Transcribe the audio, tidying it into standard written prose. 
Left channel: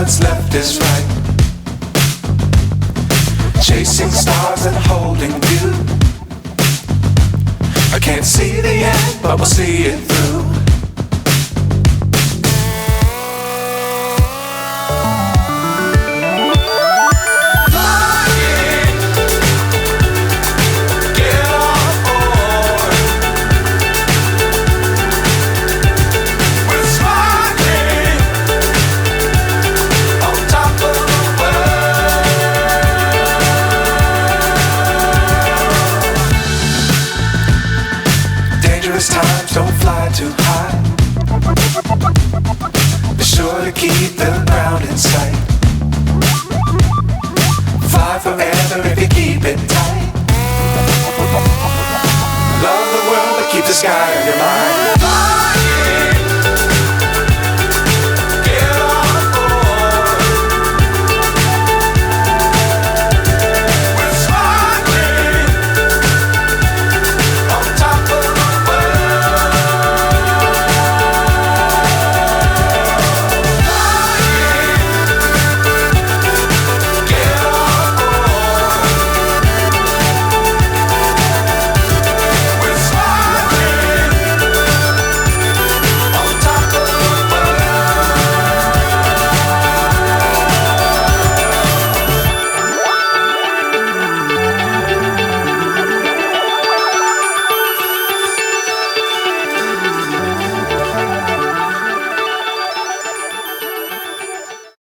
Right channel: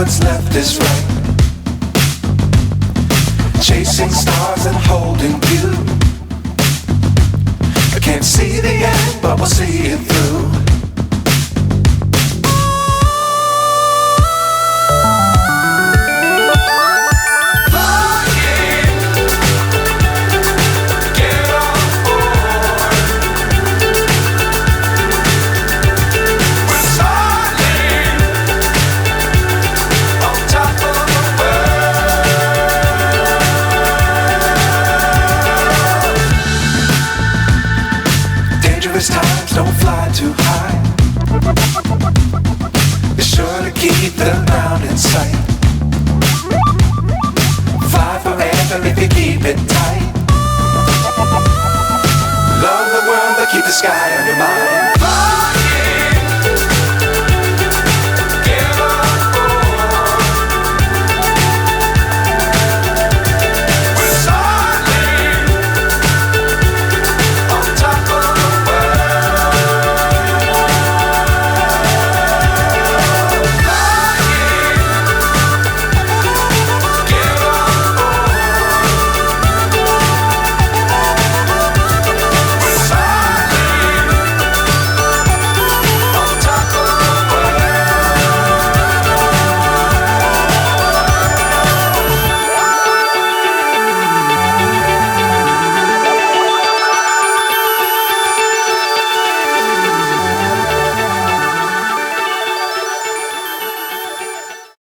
what's left is right. Chasing stars and holding you. I can't see the end, but we'll see it through. Times don't fly too high. Be sure to keep the ground in sight. Fly forever if you keep it tight. Love the world but keep the sky on your mind.